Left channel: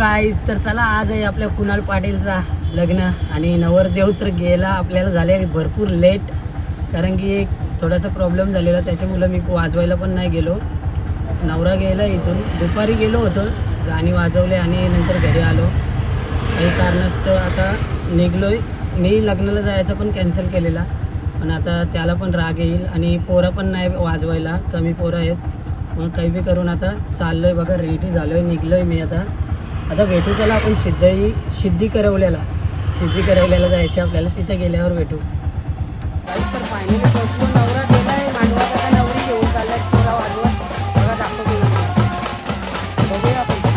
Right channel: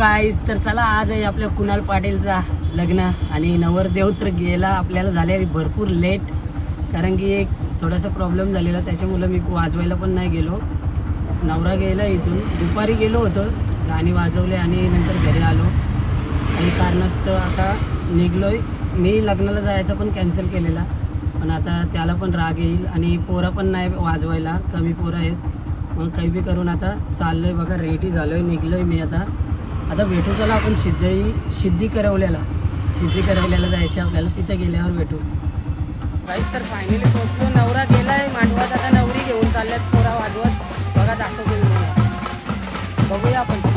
Guys, तर चला आज आहे आपल्या कुणाल पाटीलचा लग्न आणि नवरदेव तर गेला. आपल्याला झाले भरपूर लेट, कारण की एक थोडासा प्रॉब्लेम झालेला, त्याच्यामुळे मी वाजवायला पण नाही गेलो. नवरा गेला इथून, दुपारी गेलो होतो, गाणी वाजवले आणि नंतर घरी आलो. काही कारणास्तव आता निघलोय. मी लग्नाला जायचं पण कॅन्सल केलेला, पण आता त्याला पण राग येईल आणि पोरं पण नाही वाजवायला, कमी पोरं आहेत. मग काही बी करून आता चाललोय बघा, रेडी झालोय, निघलोय मी. आता भेटू चला आपण सिद्धी करवल्याला जायचं आपल्याला. तिथे गेल्यावर भेटू. काहीच तर फायनली पोहोचलो. नवरा गेलाय मांडवात, आता नवरी घेऊन चालल्यात पोरा वाजवत. बघा दाखवतो तुम्हाला, बघूया आपण.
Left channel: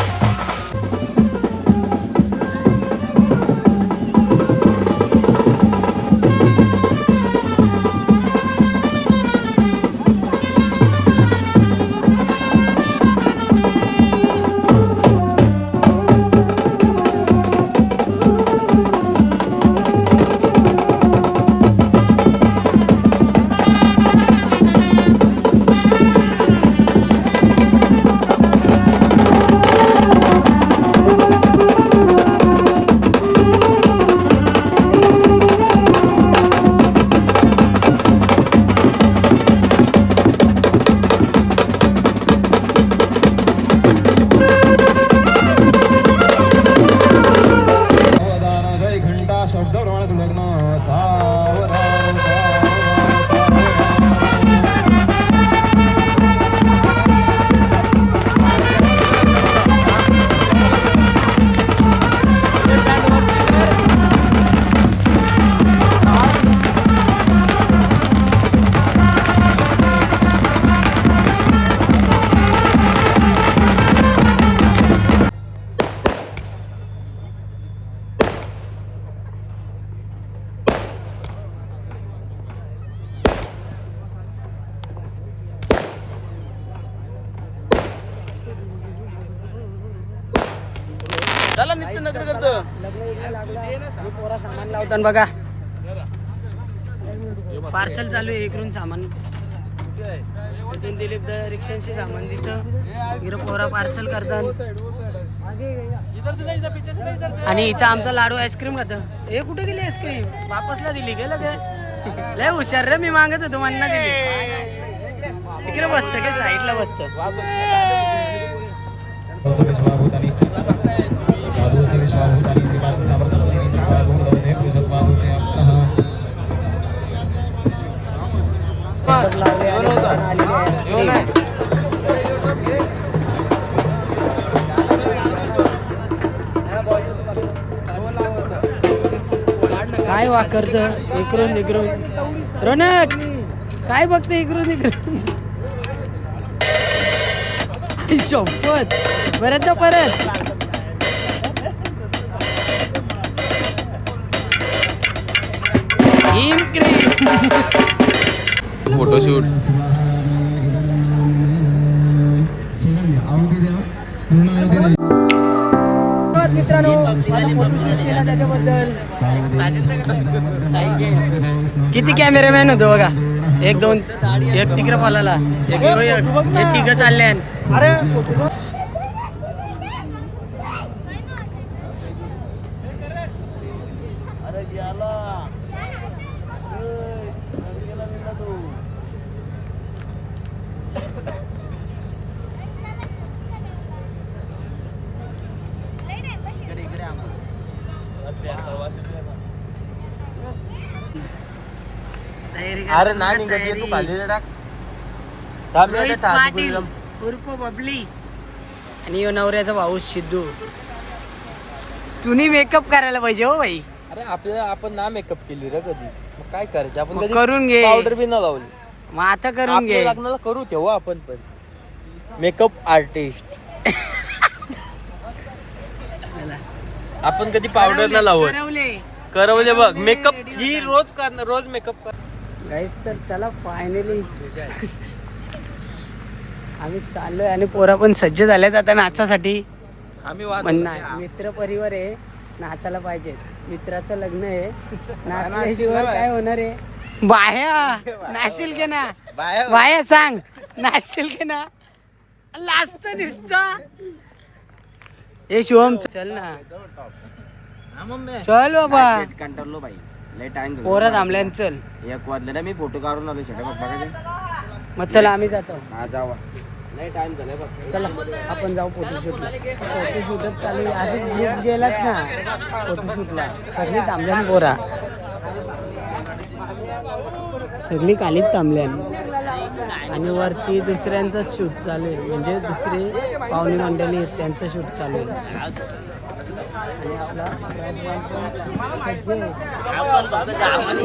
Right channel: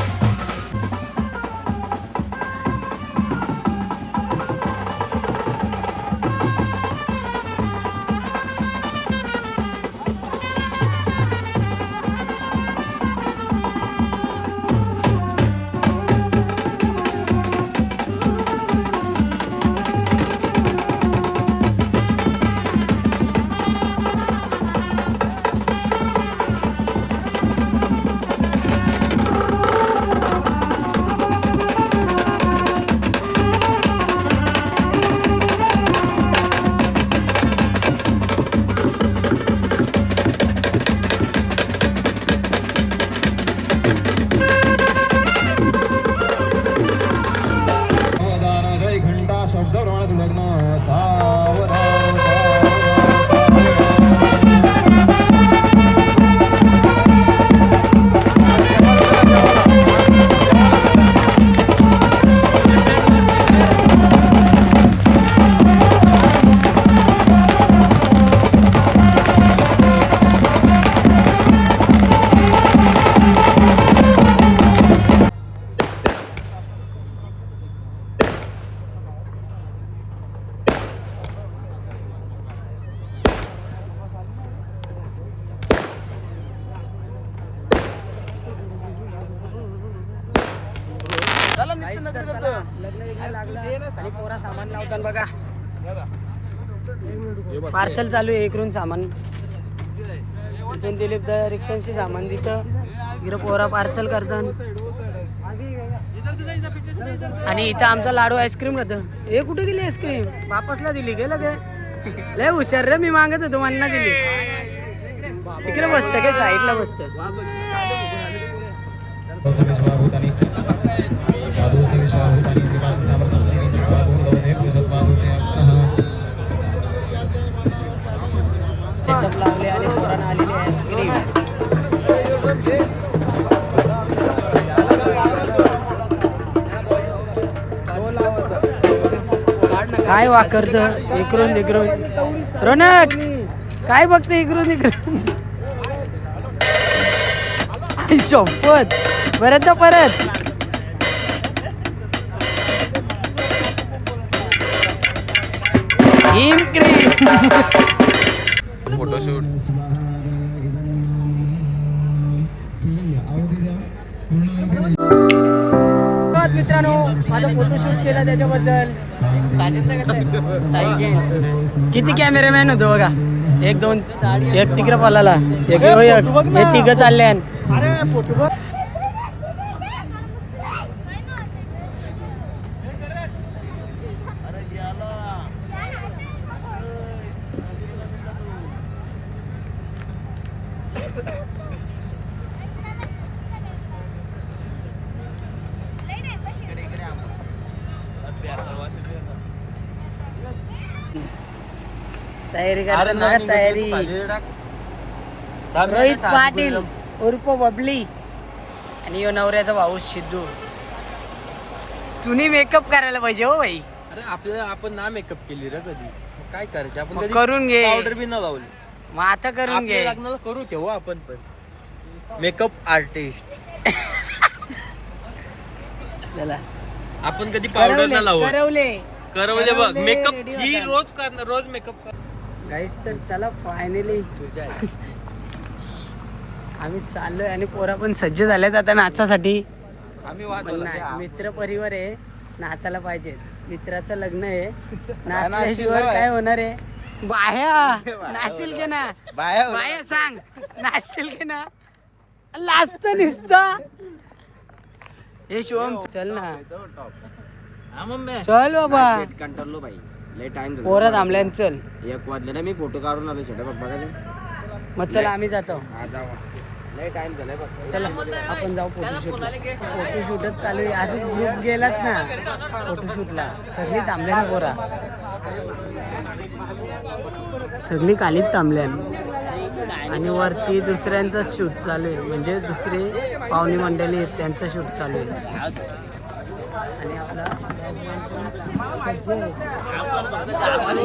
लग्न विग्न लागला आणि पोरा सामान लावतात बघा. पार्सल चालू आहे इकडून सामान. इथून दिलीप रिक्षांशी सामान तिथं, इकडं पोरा पार्सल करतात. आणि इथं आमचा लाडू आईस्क्रीम खातं. हे कुठे गेली आईस्क्रीम? वापसला दिली गेलं काय? लय हुशार रे, मी मागत होतो म्हणणं दिली. तिकडे बसतं काय, साईडला बसतं. सेटअप लावले आणि पोरांना आलेली आईस्क्रीम. काय वाकरत इकडून तिकडून. रोनक काय बघत इकडून तिकडून. शपथ, परत जा परत. फोटोशूट. मित्रांनो, माझा फोटोशूट केला त्याच्याबद्दल. किती कॅमेरामॅन होतो बघा. एक दोन, एक तिकडे पळाला, हे तिघ चालले. अरे तयारी करतात बघा, तयारी. रोहित पाटील उर्फ बबली आणि यो नवऱ्याचा भाऊ सिद्धू. तुम्ही मेकअप करायला पाहिजे हो भाई. अरे आपल्याला, आपण ना मेकअप केली रे कधी, मग काय करायचं आपण? कधी करून घे, पावडर बी न लावली. मग आता करून घे. लग्नाला करू तेव्हा आपण पण मेकअप आर्टिस्ट. आपण कधी पावडर न लावू. करवले बघ मेकअप ही रोज करणार, रोज मेकअप. गाईस, तर चला फायनली आम्ही चाललोय आणि पोरा पण सज्ज झाल्यात आता नाचासाठी. पण नाही, मित्र परिवार आहे, नाचायला पाहिजे. मित्राचं लग्न आहे, नाचल्याशिवाय काय होणार आहे? बाया नाचशील के ना? बाया सांग, नाचशील के ना? लाजत निसता हे शिवम चल ना, हा मम्मी. चल बाबा. कंटाळलो बाई, लय टाइम झाला. पोरं थांबल्यान चल. 1 वाजले ना, मी फोटो काढून आलो शेटे बघ बघा. मग चला आम्ही जातो. हा जावा, लय टाइम झालाय बघ. चला आपण जाऊ फोटोशूटला. फोटोशूटच चालू आहे. आधीच ग्रुप गेलात ना फोटोशूटला, सगळी थांबल्यान पोरा, सगळी खालीच थांबल्यान. आणि वरती दुसऱ्यांचंच शूट चालू आहे, म्हणजे दुसरे पाहुणे मंडळी आहेत त्यांचं शूट चालू आहे. आणि आपला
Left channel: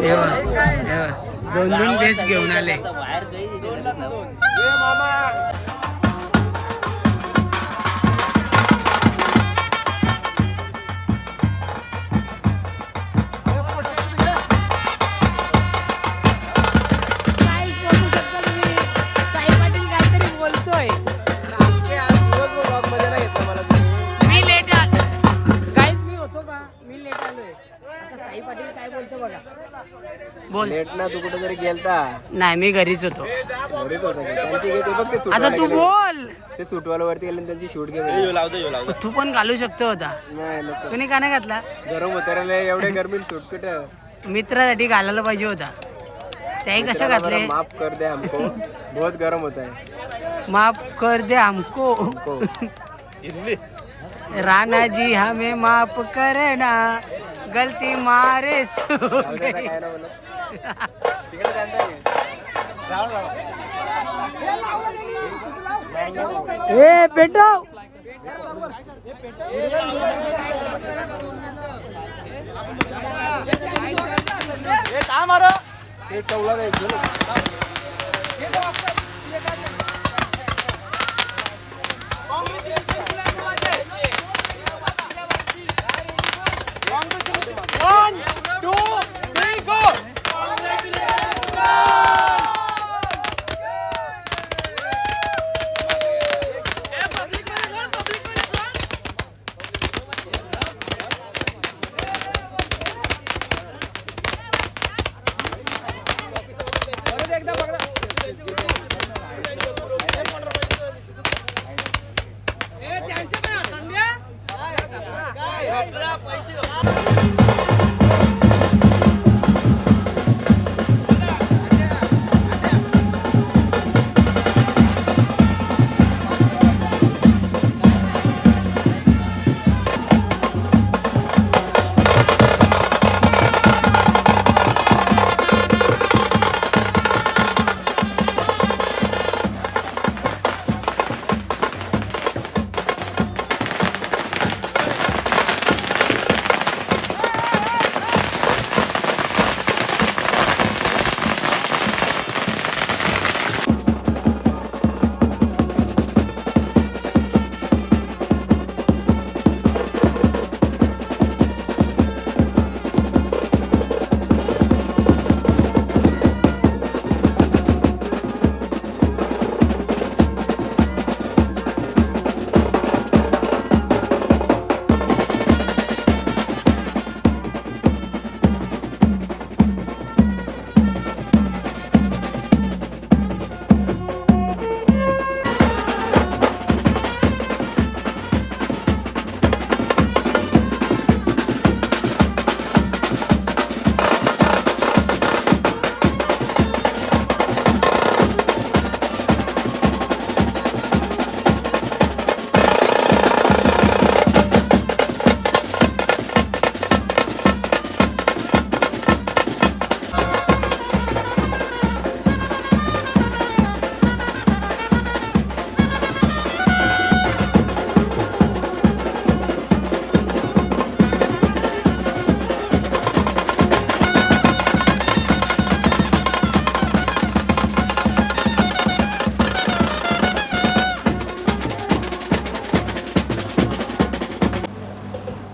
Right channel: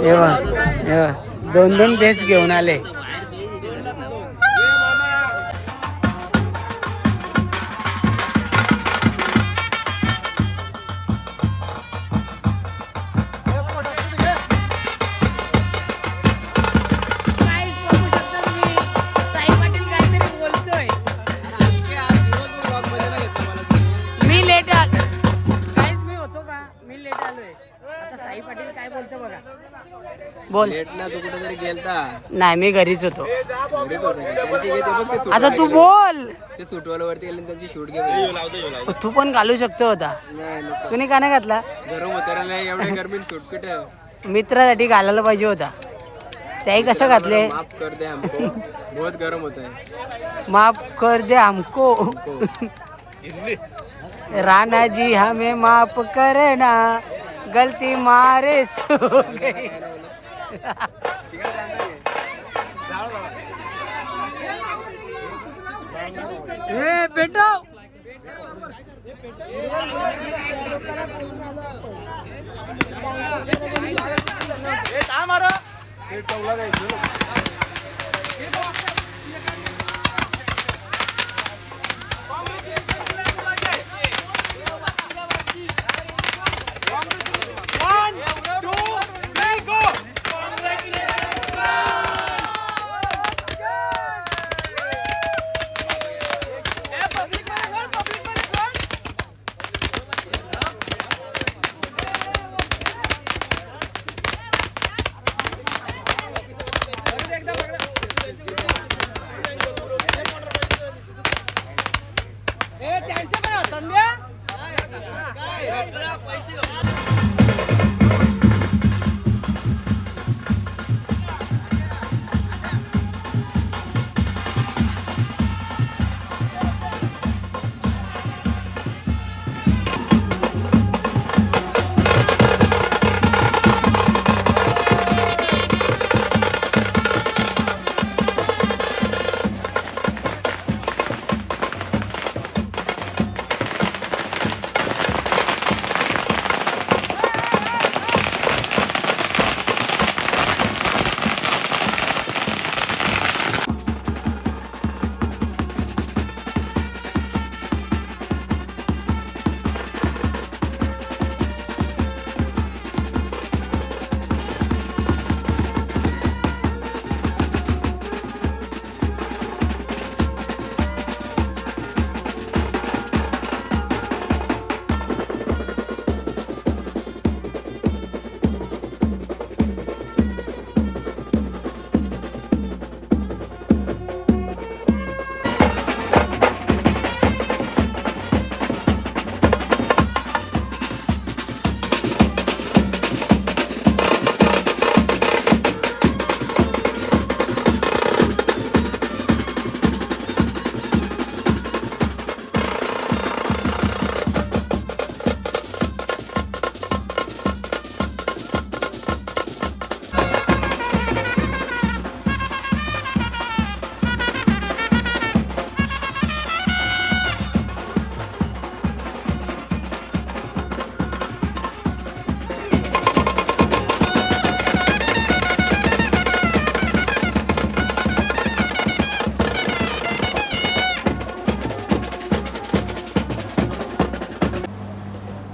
देवा देवा 2-2 ड्रेस घेऊन आले. साई पाटील काय बोलतो बघा. बोल. लेट ना, तू कुठे तरी गेलता? नाही मी घरीच होतो. घरीच होता का? त्यांची घेते बघ ते आता तू बोल. ते सुटवाला वरती गेले त्यांची शूट घे. तू पण घालू शकतो होता. नाही नको, तुम्ही का नाही घातला? गरम होता रे, एवढे गरमी शूट कुठं. मित्रासाठी घालायला पाहिजे होता. त्याही कसं घातले? माफ कर दे हमको, बहुत गरम होता है. माफ कर दे हमको. राणा जी हमें माफ करना, गलती मारे सो गई. काय ना बोलत. ए बेटा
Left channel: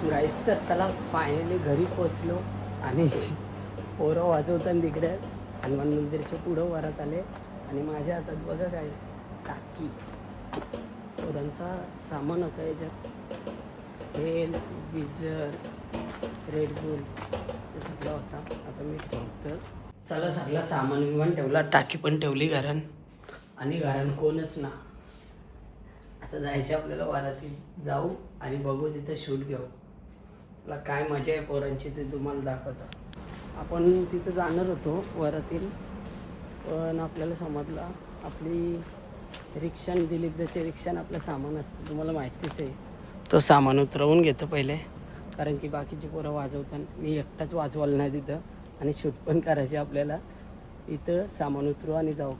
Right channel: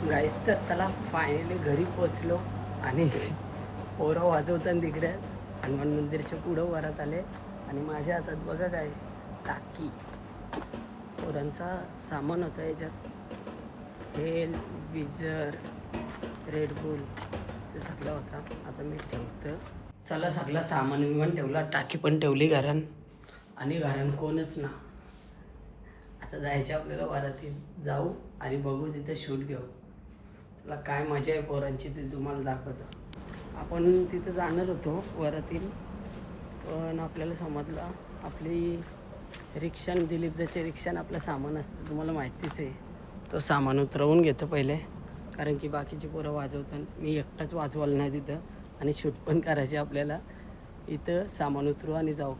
गाईस तर चला फायनली घरी पोचलो आणि पोरं वाजवताना तिकडे हनुमान मंदिरच्या पुढं वरात आले आणि माझ्या हातात बघा काय टाकी पोरांचा सामान होता याच्यात हेल बिजर रेडबुल ते सगळं होता. आता मी ठेवतो चला सगळं सामान विमान ठेवला टाकी पण ठेवली घरान आणि घरान कोणच ना. आता जायचे आपल्याला वरातीत जाऊ आणि बघू तिथं शूट घेऊ. तुला काय मजा आहे पोरांची ते तुम्हाला दाखवतो. आपण तिथं जाणार होतो वरातील, पण आपल्याला समजलं आपली रिक्षान दिलीपदाच्या रिक्षान आपलं सामान असतं, तुम्हाला माहितीच आहे. तो सामान उतरवून घेतो पहिले, कारण की बाकीची पोरं वाजवतात. मी एकटाच वाजवायला नाही तिथं आणि शूट पण करायचे आपल्याला. इथं सामान उतरू आणि जाऊ.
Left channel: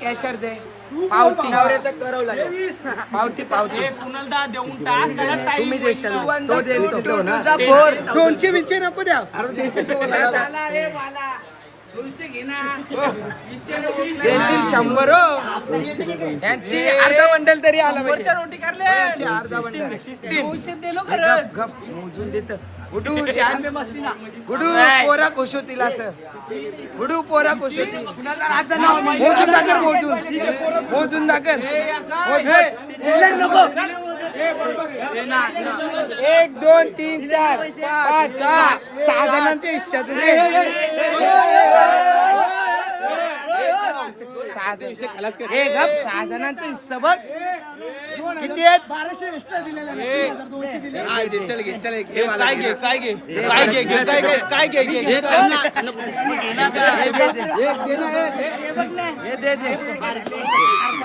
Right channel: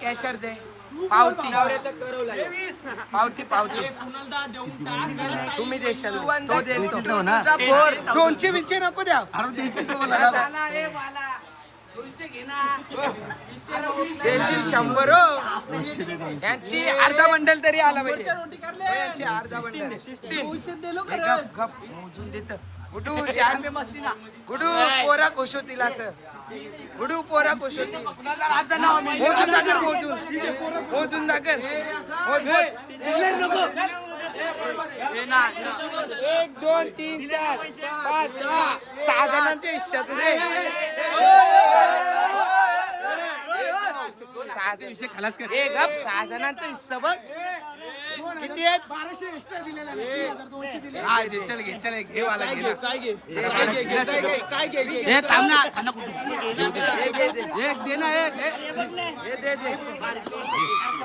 कॅशर दे, पावती पावती तुम्ही देशाल, तो देतो ना. 200 बिनशे नको द्या. देशील 100 यांची अर्धा बंडल तरी आला पाहिजे. यांची अर्धा बंडल गप मोजून देत. गुडू गुडू पोरा खुश होतील असं. गुडू पोरा खुश होतील. मोजून दाखर, मोजून दाखर. 1 2 3 4 5 6 जणांच्या हिश्श्यात 6 जणांचा हिस्सा बघ किती आहेत. 1200 एक्स्ट्रा दिलेला.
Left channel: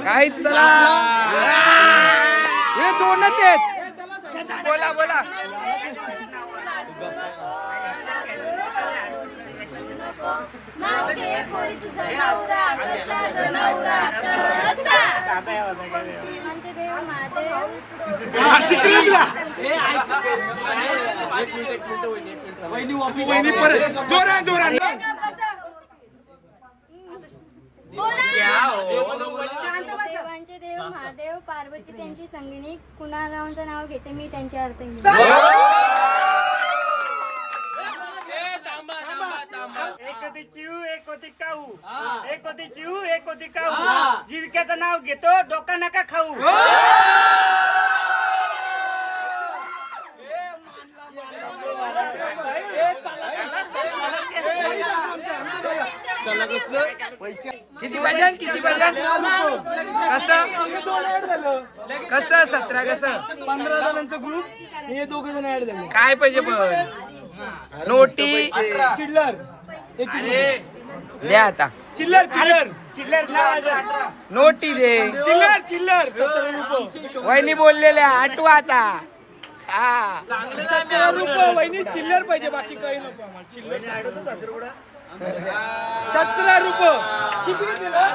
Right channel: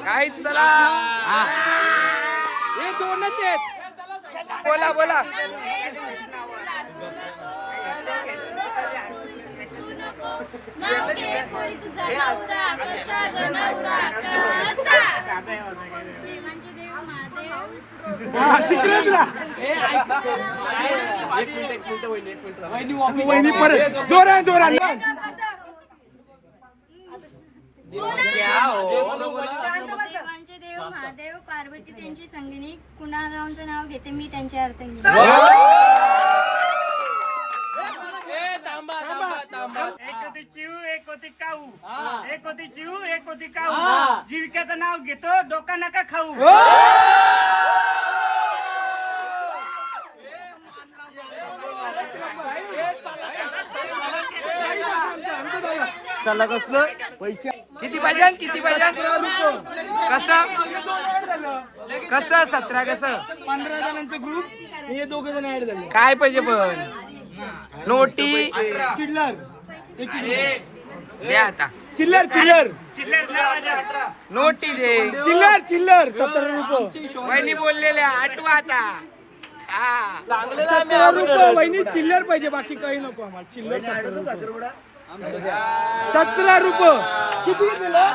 काय चला हे 2च आहेत. बोला देवांचे देव महादेव पार्वती त्यांची संगिनी कुणालरावांचं नाव घेते मी त्यांच्या अर्धांगिनी. एक होती चिऊ, एक होती काऊ. एक होती चिऊ, एक होती काऊ. जीविकेचं नाव घेतो, डोका नका खाऊ. चला कसलं किती भजन कसं 17 कसं 15 जणांचा ग्रुप, हे 2 जण ऍड झाले. काय पाहिजे पण नोटी चिल्लर द्या आता. चिल्लर नोटी दे. चिल्लर 17 रुपये. वहिनी बोललेल्या आठवा आता. हा वहिनी चिल्लर पाहिजे, बाकी काही नको आम्हाला. चिल्लर 17 रुपये. किती दिलं?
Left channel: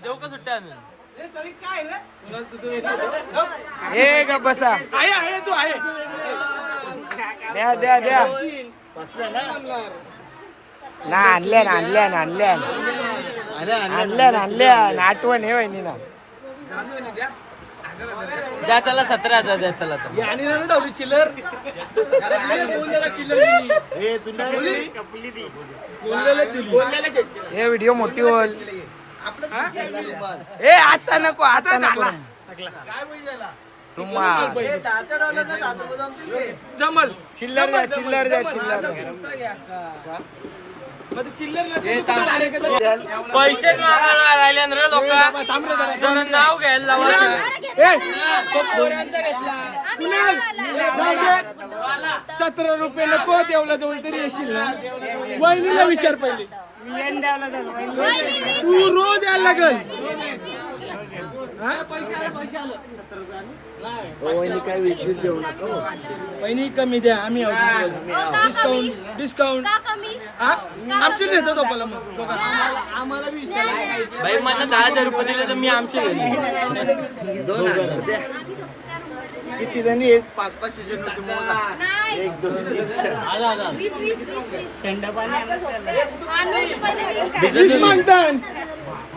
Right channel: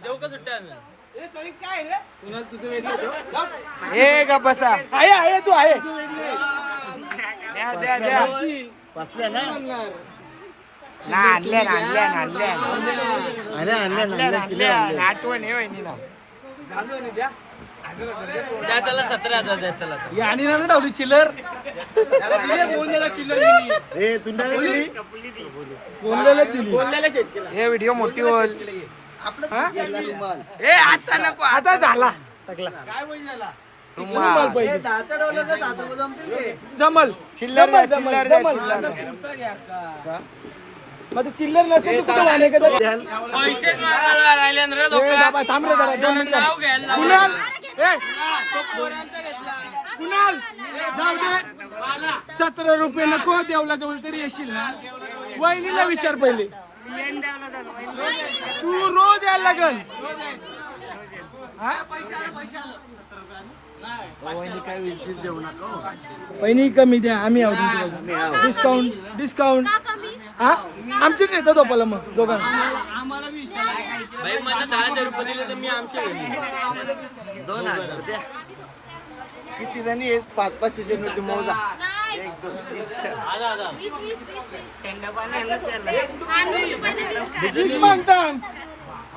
देऊ का सुट्टा आणून? ए का बसा तू आहे द्या द्या ना आणल्या आठवण आहे वहिनी ना द्या चला 17,000 द्या चला हे व्हिडिओ मोठी होईल ए आता नको आता झाला जमल चिल्लर द्या पैसे राहिले रे लोक नाव घ्यायला कुणाल जाऊ दे 17 रुपये नको देवला जवळ तरी येशील ना वहिनीला विचार पहिले तू रोज यायला लागल वहिनी काय 20 देऊ नका वहिनी कमी द्या आम्ही डिस्काउंट हा आमचे देतात आपल्याला मग दोघांना आम्हाला भाई मला 10,000 रुपये दिले तर मी आमचे किती जणी आहेत 5-5 सीजन तुम्हाला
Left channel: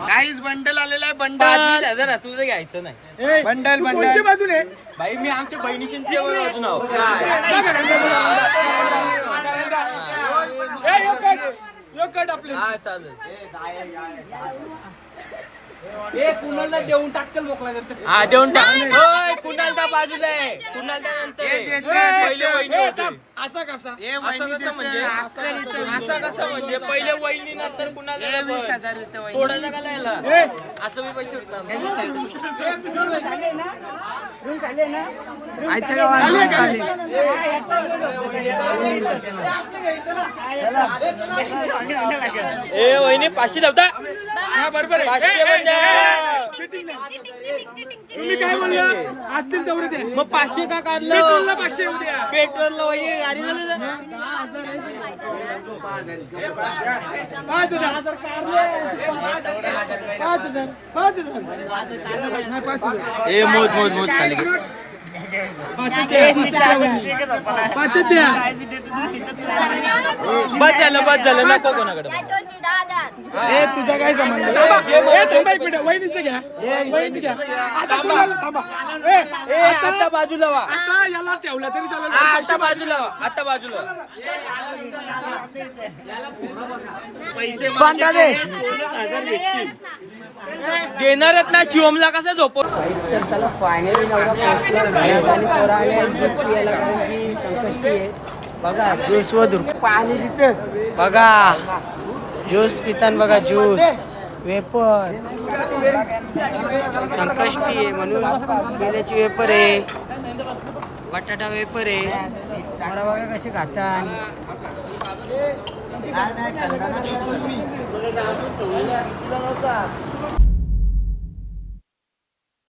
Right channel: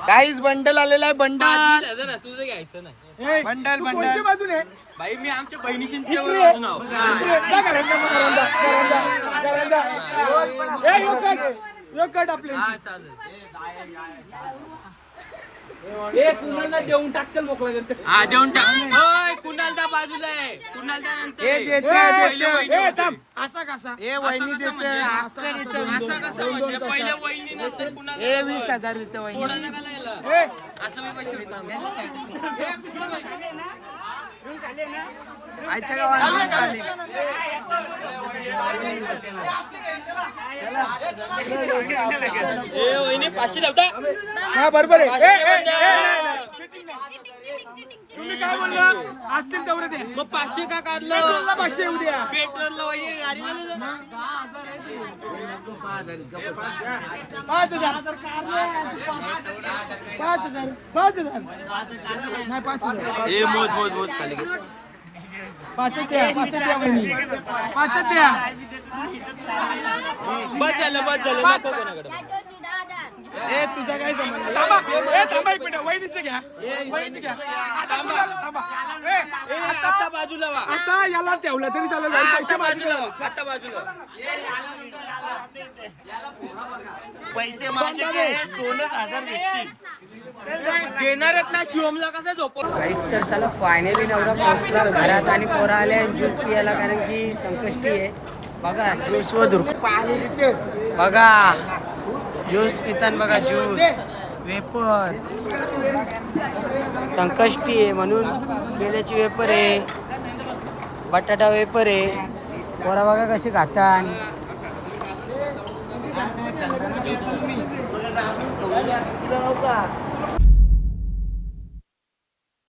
काहीच बंडल आलेला आहे बंडल असलं तर घ्यायचं नाही बंडल बाजूने भाई मी आमच्या बहिणीशी बाजून आहो हा चालेल कुणाला देऊन टाकचल मोकला हा देऊन टाक कुणालदा बाजूला आहे कुणालदा असा कसा म्हणजे पहिले वहिनी नंतर कुणाल 20,000 देते वहिनी असं मी पैसे उठणार आजच्या गावात ए वहिनी 500 लावता हा बरोबर तुम्ही काय म्हणला असतील तेवढे दे मग 500 का काढलं पेट्रोलला 500 उद्या पेट्रोलला वहिनी गाडी झाली 5,000 ए मोज खाली पाच द्या बस झालं नको कोणाकडे ए तुझा काय संबंध थांबा एक मिनिट वहिनीचं घ्या आता कोणाला थांबा आता बाजूला वा आता याला ठेवला तरी चालेल आता बाजूला वा आता बाजूला पैसे देणारच ना शिवमला कसं झोपव तर चला फायनली नवरा पोहोचला घरात आणि पोरा आले ज्यूस पियाला कारण की संकष्टी आहे बघा ज्यूस व बघा ज्यूस पितान बघा ज्यूस वेपर संकष्टी आहे म्हणून केल्याची वेपर आहे बटाटा वेपर आहे पोरा बघा कसे खातात